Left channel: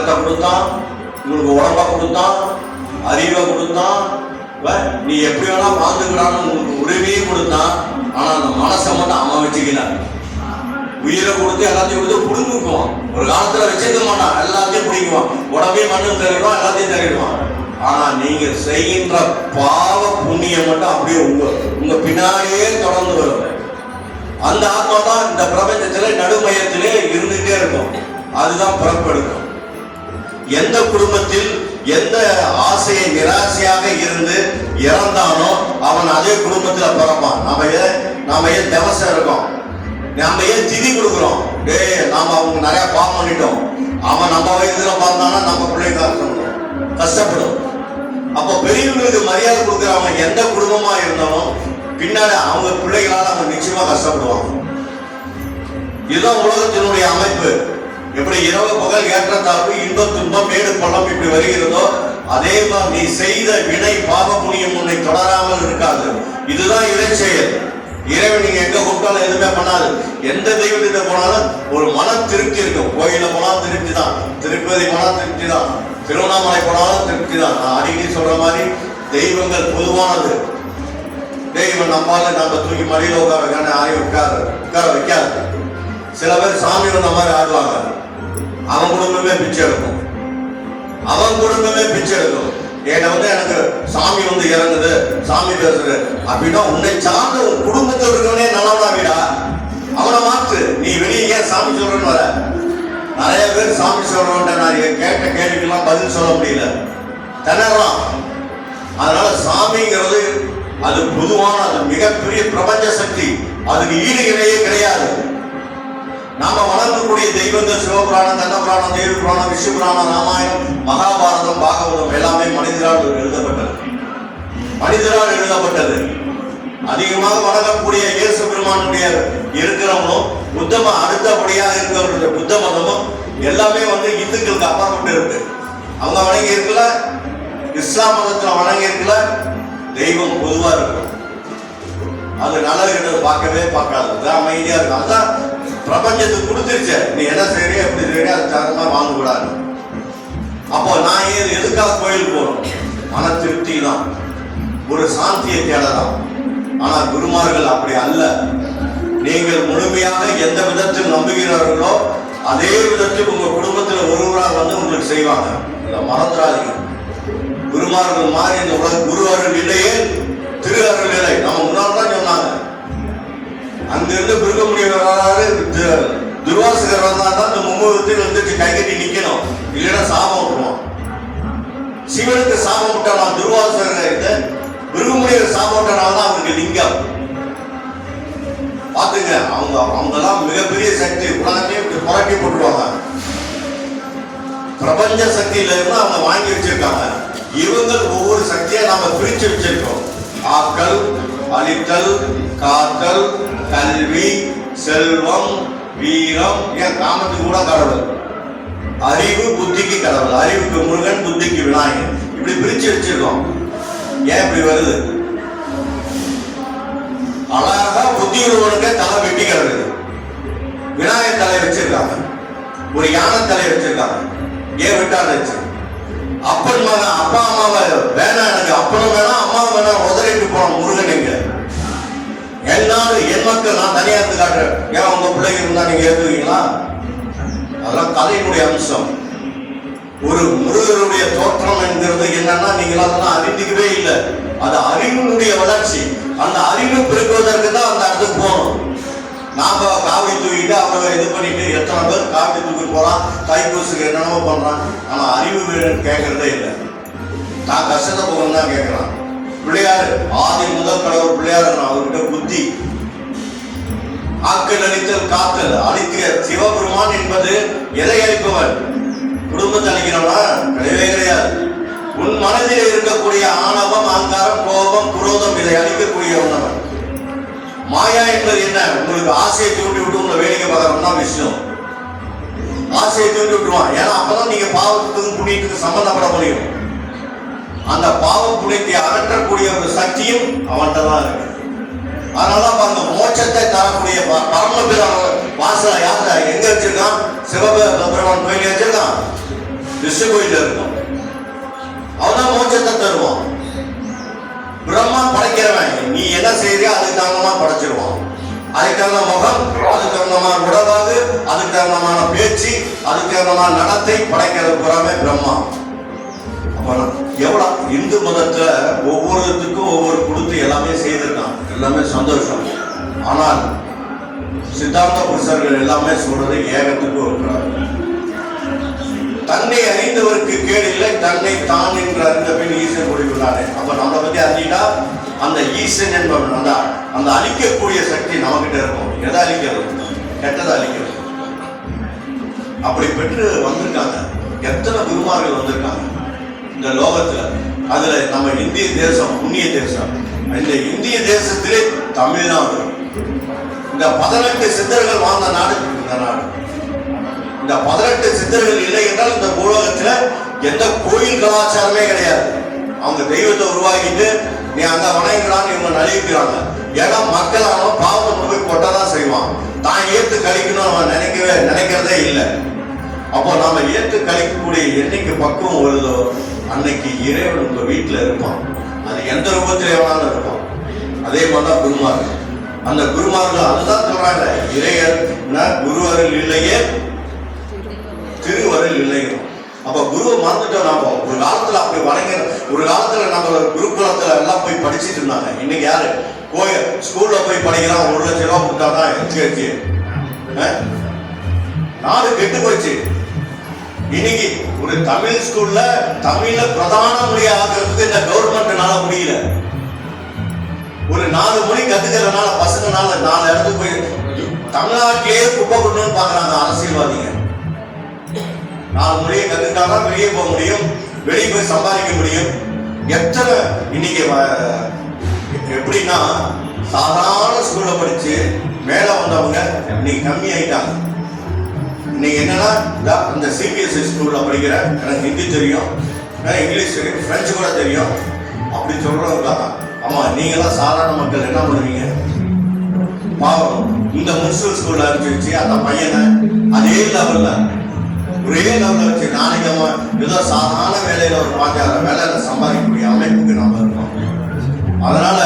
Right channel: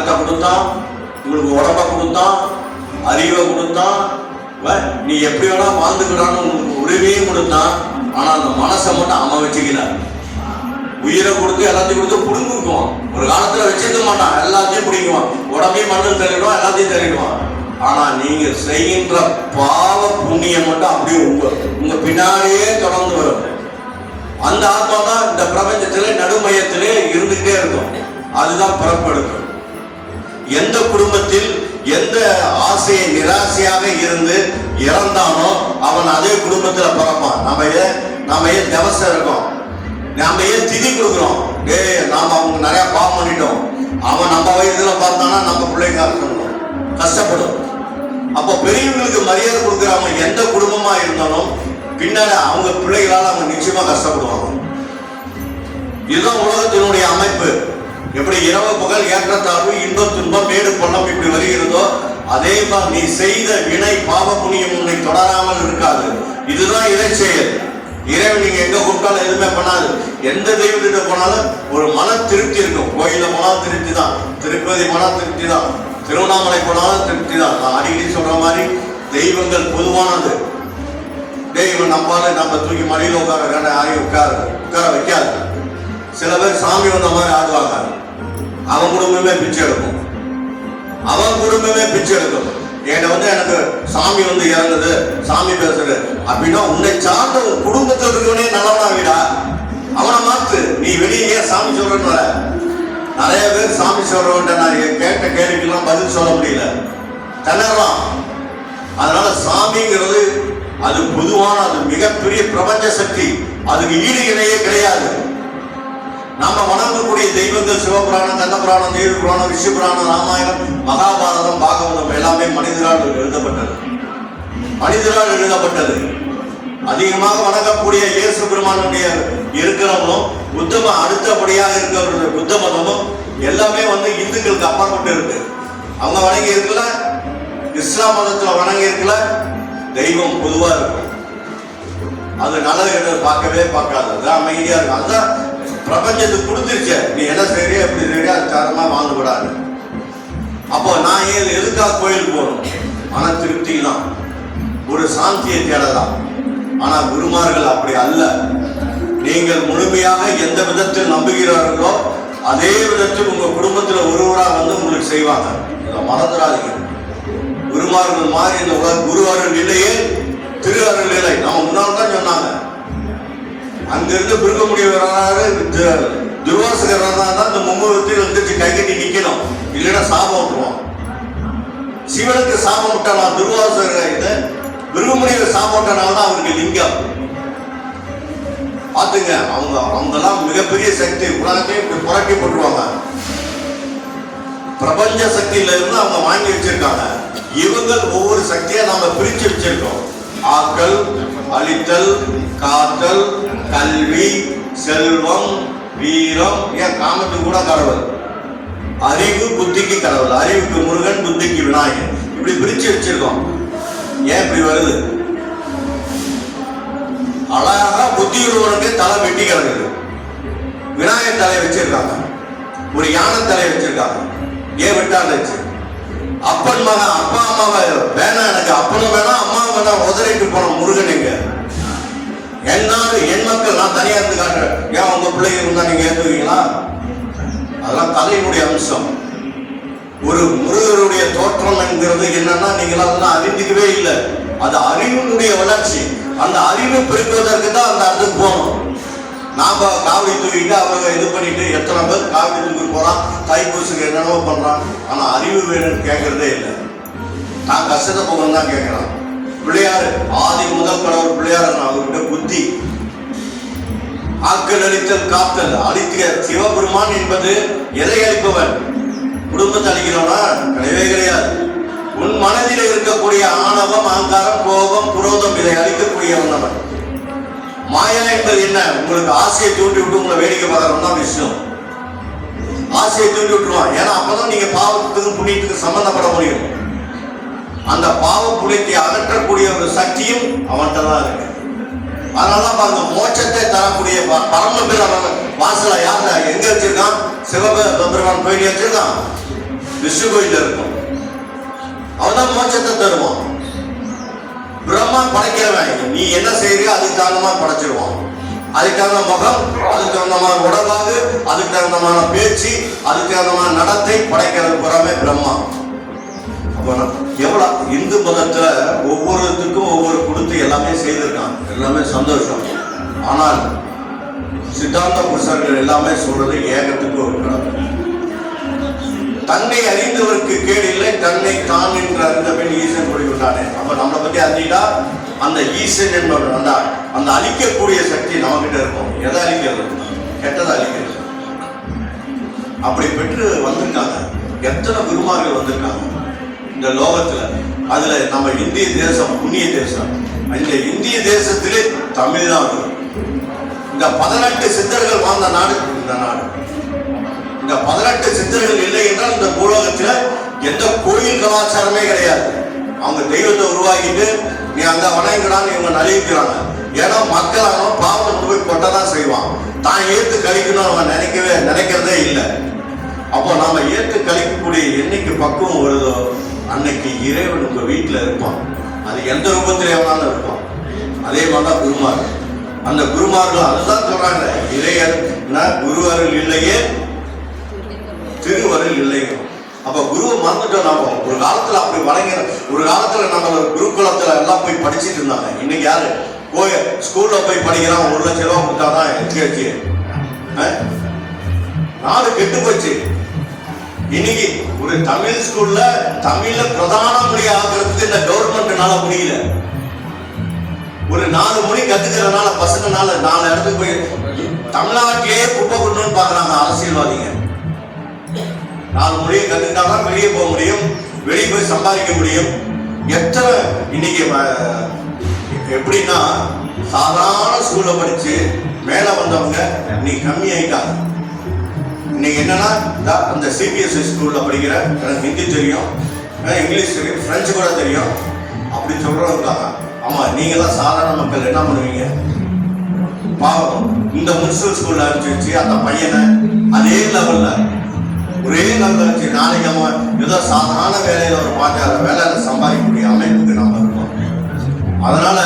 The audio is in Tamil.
பணத்தை கொடுத்தான், உங்களுக்கு உடம்ப கொடுத்தான், அறிவை கொடுத்தான், நீ எப்படி வேணா வாழ்ந்துக்கலான்னு உங்களுக்கு உரிமையும் கொடுத்தான். ஆனா அந்த மனசை மட்டும் அவன் வச்சுக்கல. உயிரை கொடுத்து எல்லாத்தையும் கொடுத்து புடுங்குக்குவான். ஒரு காலத்துல வச்சுக்க மாட்டான், எல்லாத்தையும் பிடிக்குவான், உடம்பையும் மட்டும் தள்ளிடுவான், எல்லாத்தையும் தள்ளிடுவான். ஆனா நீங்க செய்கின்ற பாவ புண்ணியம் மட்டும் அப்படியே உங்க பின்னாலேயே தொடர்ந்து வரும். அந்த ஆத்மா தான் இந்த பிரபஞ்சத்திலே நடுமையத்திலே இருந்துகிட்டே இருக்கும். அதுதான் பிறப்பெடுக்கும். எந்த குடும்பத்தில் எந்த ஆசையை நிராசையாக இருந்து இறந்தானோ அவன் அதே குடும்பத்தில் பிறப்பான். நாம ஏன் திவசம் இருக்கோம், நாம ஏன் திதி கொடுக்குறோம், நாம அவங்க நிறைய பாவம் பண்ணிட்டோம், அவன் நம்ம வயதுல பார்த்தானா நம்ம பிள்ளைங்க கஷ்டப்படும். அப்போ பெரியவங்களுக்கு மரியாதை கொடுக்குறவங்க எந்த குடும்பமா இருந்தாலும் பின்னாடி அவங்க பிள்ளைகளால் அவங்க நிச்சயமா கஷ்டப்படுவாங்க. இதுதான் உலகத்தினுடைய அமைப்பு. எப்படி இரவு பகல் ஏற்றத்தாழ்வு இன்ப துன்பம் மேடு பள்ளம் இப்படி வருகிறதோ அதே மாதிரி நீ செய்த வினை பாவ புண்ணியம் உன்னை தொடராமல் இருக்காது. இதுதான் இறை செயல். இறைவன் நீங்க எங்க கொடுத்தாலும் எதுவுமே பண்ணாது. எந்த தெய்வத்திட்ட போனாலும் ஒரு மன திருப்தி இருக்கும். கோயில போனாலும் திருப்தி தான், திருப்பதி போனாலும் திருப்தி தான், திருவண்ணாமலை போனாலும் திருப்தி தான். நான் அடிக்கடி சொல்ற மாதிரி தெய்வங்கள் பொதுவானது. தெய்வம் நம்ம தூக்கி மடியில் உட்கார வைக்காது. சில பேர் சாமி வந்த மாதிரி ஆடுவாங்க. அவன் குடும்பமே பிச்சை எடுக்கும், அவன் குடும்பமே பிச்சை எடுக்கும். எனக்கு சாமி இறங்குது, சாமி பேசுறது அப்படின்னா உன்னை சார்ந்த ஒரு குடும்பத்தில் இருக்கவனே நல்லவனா விடா, அவனை மாற்று. நீ வெளியே ஏன் சாமி சொல்றன்னு வர? நிறைய பேர் சாமி சொல்றவன்ட்ட நான் கேட்ட கேள்விக்கெல்லாம் பதில் சொல்ல முடியல, திணறலாம். அதனால சாமிங்கிறது அது பொதுவான, அது மிகப்பெரிய பிரபஞ்ச சக்தி. அதுக்கு ஈடு இணையே கிடையாது. நாம வணங்கக்கூடிய தெய்வங்கள் சிவபுராணம், கந்தபுராணம், தேவி புராணம், விஷ்ணு புராணம், ராமாயணம், மகாபாரதம், பாகவதம் எல்லாமே மனிதரால் எழுதப்பட்டது. மனிதரால் எழுதப்பட்டது. அதிகமாக வணங்கக்கூடிய இயேசு பெருமானுடைய இருக்கிறவனும் புத்தம அடுத்தபடியாக இருக்கிற புத்த மதமும் எல்லாமே இந்துக்களுக்கு அப்பாற்பட்டு இருக்கு. அவங்க வணங்கி இருக்கல, இஸ்லாம் மதத்துல வணங்கி இருக்கல. தெய்வம் பொதுவா இருக்கும். அது நல்லது பார்க்கவே பார்க்காது, அமைதியா இருக்கும். அதுதான் பிரபஞ்சத்துக்கு கொடுத்துருச்ச. நீ என்ன செய்ய எப்படி செய்ய அது தரமா வாங்க கூடாது. அப்போ நான் எதுக்காக கோயிலுக்கு போகணும்? மன திருப்தி தான், ஒரு சாந்தியை தேடலாம். ஆனா குருமார்கள் அப்படி அல்ல. நீங்கள் முழுமையாக எந்த விதத்தில் நம்புகிறார்களோ அதே விதத்தில் உங்க குடும்பத்தில் ஒருவராக உங்களுக்கு செய்வாங்க. இதை மறந்துடாதீங்க. குருமார்கள் மாதிரி இந்த உலக குரு அருள் இல்லையே திரு அருள் இல்லை. நம்ம முன்னாள் தான் சொன்னாங்க. அங்கிருந்து பிறக்க முடியவராக துர்வாசகர் தான் இந்த மும்மூர்த்தியில் வந்துட்டு கை கட்டி நிக்கணும், இல்லைன்னா சாபம் விட்டுருவோம். சிவனுக்கு சாபம் விட்டலாம், துர்வாசகர் பிருகமுடிய சாபம் விட்டனால தான் அவருக்கு லிங்கம். பாத்துங்க, அவங்கெல்லாம் மிகப்பெரிய சக்தி. புராணத்தையும் இப்படி புரட்டி போட்டுருவாங்க. பிரபஞ்ச சக்தியில இருந்து அவங்க வாங்கி வச்சிருக்காங்க. இவங்க ஒவ்வொரு சக்தியை நாம பிரிச்சு வச்சிருக்கோம். ஆக்கல், அழித்தல், காத்தல், கல்வி, செல்வம், வீரம், ஏன் காமத்துக்கு கூட கடவுள், அறிவு புத்திக்கு கடவுள், அறிவுக்கு முருகன், புத்திக்கு விநாயகன், இப்படி பிரிச்சு வச்சிருக்கோம். ஏன் இப்படி வருது? அழகா புத்தி உள்ளவனுக்கு தலை வெட்டி கிடக்குது. விநாயகர் தலையை வச்சிருக்காங்க, ஒரு யானை தலையை வச்சிருக்காங்க. ஏன் விட்டாச்சு? அப்பன் மகன், அப்பா அம்மாவை வேணாம், எனக்கு அப்பனும் வேணாம் அம்மா வேணாம் உதறிட்டு போன முருகன் எங்க? என்னாலும் என் மக்கள் நான் தனியா இருந்து காட்டுறேன். ஏன் உங்க பிள்ளைங்க இருந்தா நீங்க ஏத்துவீங்களா? அதெல்லாம் தலையினுடைய அம்சம். ஒரு முருகருடைய தோற்றம் என்கிறது என்னன்னா நீங்க அதெல்லாம் அறிந்துக்கவே இல்லை. அது அறிவினுடைய வளர்ச்சி. அந்த அறிவு பெருக்குவதற்கு தான் அந்த இடத்துக்கு போகணும். நாம காவி தூக்கிட்டு அவரை இது பண்ணிட்டு எத்தனை பேர் காவி தூக்கி போறான், தைப்பூசுக்கு என்னென்னவோ பண்றான். ஆனா அறிவு வேணும்னு கேட்கறதே இல்லை. நான் கஷ்டத்தை போகணும் தான் கேட்கிறேன். பிள்ளையாரு ஆதி முதல் கடவுள் பிள்ளையாரு, அவர்கிட்ட புத்தி. ஆக்கல் அளித்தல் காத்தல் அளிக்கிற சிவபெருமான் என்பது எதை அளிப்பவன்? குடும்பத்தை அளிக்கிறவனா? கிடையவே கிடையாது. உன் மனதில் இருக்கக்கூடிய ஆணவம், அகங்காரம், கோபம், குரோதம் இதை அளிக்கக்கூடியவன் அவன். மாயா என்பது என்ன? உங்களுக்கு ஆசையை தூண்டி விட்டு உங்களை வேடிக்கை பார்க்கறவன் தான் விஷ்ணு. ஆசையை தூண்டி விட்டுருவான். ஏன்னா அப்பதான் நீங்க பாவத்துக்கும் புண்ணியத்துக்கு சம்பந்தப்பட முடியும். அந்த பாவ புண்ணியத்தை அகற்றக்கூடிய ஒரு சக்தியும் அவன்கிட்ட தான் இருக்கு. அதனால பாருங்க, மோட்சத்தை தரக்கூடிய பரமபீர வாசல யார எங்க வச்சிருக்கான்? சிவபெருமான் கோயில் வச்சிருக்கான். விஷ்ணு கோயில்ல இருக்கும். அவதான் மோட்சத்தை தருவான். பிரம்மா படைக்கிறவன், நீ என்ன செய்யறியோ அதுக்கு தகுந்தமா படைச்சிருவான். அதுக்கு தகுந்த முகம், அதுக்கு தகுந்தமான உடலாகு, அதுக்கு தகுந்தமான பேச்சு, அதுக்கு தகுந்தமான நடத்தை படைக்கிறது புறாமே பிரம்மா. எவ்வளவு இந்து மதத்துல ஒவ்வொருத்துக்கும் ஒவ்வொரு கொடுத்து எல்லாமே செய்திருக்கான், எல்லாமே சந்தோஷம். ஆனால் சித்தாந்த புருஷர்கள் எல்லாமே சொல்றது ஏகத்துக்கு இருக்கிறார். தன்னை அறிந்தவருக்கு கேடு இல்லை, தன்னை தான் என்று அறிந்த பின் ஈசன் கூறிவிட்டானே. அப்ப நம்மளை பத்தி அறிஞ்சிட்டா அந்த ஈசன் என்பவர் அந்த அழிக்கக்கூடிய சக்தி நம்மகிட்ட இருக்கும். எதை அழிக்கிறது? கெட்டதை அழிக்கிறது. அப்படி பெற்று வந்திருக்காங்க. எத்தனை குருமார்கள் வந்திருக்காங்க இந்த லோகத்துல. அதுல நம்ம இந்திய தேசம் புண்ணிய தேசம். இந்த இந்திய தேசத்திலே தமிழ்நாடு, இந்த 18 சித்தர்கள் வாழ்ந்த நாடு இந்த நாடு. இந்த 18 சித்தர்கள் இல்லை என்றால் இந்த பூலோகத்துல எந்த கோயில் கலாச்சாரமே கிடையாது. அவங்க தெய்வத்தை உருவாக்கிட்டு நீ அந்த வணங்குறான்னு இவங்க நலிவிக்கிறாங்க. ஏன்னா மக்கள் அவன் பாவத்தை போய் கொட்டதான் செய்வான். தான் ஏற்று கழிக்கணும் அவன் நினைக்கிறதே இல்லை. அப்போ நாம ஏற்று கழிக்கக்கூடிய என்னைக்கு பக்குவம் வருதோ அன்னைக்கு இறைவன் உங்க வீட்டுல இருப்பான். அது எந்த ரூபத்திலே வேணாலும் இருப்பான். அதே மாதிரிதான் குருமார்கள். அந்த குருமார்கள் அதுதான் சொல்றாங்க, இறையர் குருவர்கள் இல்லையே திருவருள் இல்லையே. அப்ப குருவை மறந்துட்டோம். நாம ஒரு காலத்துல அப்படி வணங்க, ஒரு காலத்துல நம்ம குருகுலத்துல எல்லாம் போய் படிச்சுட்டு இருந்தாங்க. இன்னைக்கு யாரு ஸ்கூல்ல போய் படிக்கிறாங்க, 1 லட்சம் ரூபாய் கொடுத்தாதான் எச்சு. நாடு கெட்டு போச்சு. இன்னைக்கு ஒரு தமிழ் ஸ்கூல்ல தமிழ்ல பிரதான மொழியா ஆகிறதுக்கு இந்த கவர்மெண்ட்னால முடியல. ஒரு 4 மொழி கத்துக்கிறதுனால பசங்கனால 4 இடத்துக்கு போய் தமிழ்நாட்டிலேயே குப்பை கொண்டு பாக்குறாங்க அரசியல்வாதிங்க. 4 மொழியை கத்துக்கிட்டாதான் வெளியே போக முடியும், வெளியே போய் சம்பாதிக்க முடியும். எத்தனை இன்னைக்கு எப்படின்னா சாதாரண ஸ்கூல்ல படிச்சு மேல வந்தவங்க இன்னைக்கு கம்மி ஆயிட்டாங்க. இன்னைக்கு என்னன்னா அந்த சிபிஎஸ்இ ஸ்கூல்ல படிக்கிற, எனக்கு ஹிந்தி தெரியும், இங்கிலீஷ் தெரியும், பிரெஞ்சு கூட தெரியும் அப்படி சொல்றவங்க. ஆமா, நீங்க எல்லாம் சாதாரண மக்கள் என்ன பண்ணுவீங்க? பாவம், இந்த முனிசிபல் ஸ்கூல்ல ஆரம்பிச்சு அந்த பையனை அதே லெவல்ல ஒரே லெவல்ல வச்சு நாளைக்கு அவன் ஏதோ சாதாரண வேலையில ஒரு 5-6 வேலையில சம்பாதிக்கக்கூடிய அமைப்புக்கு நாம இருக்கோம். அதனால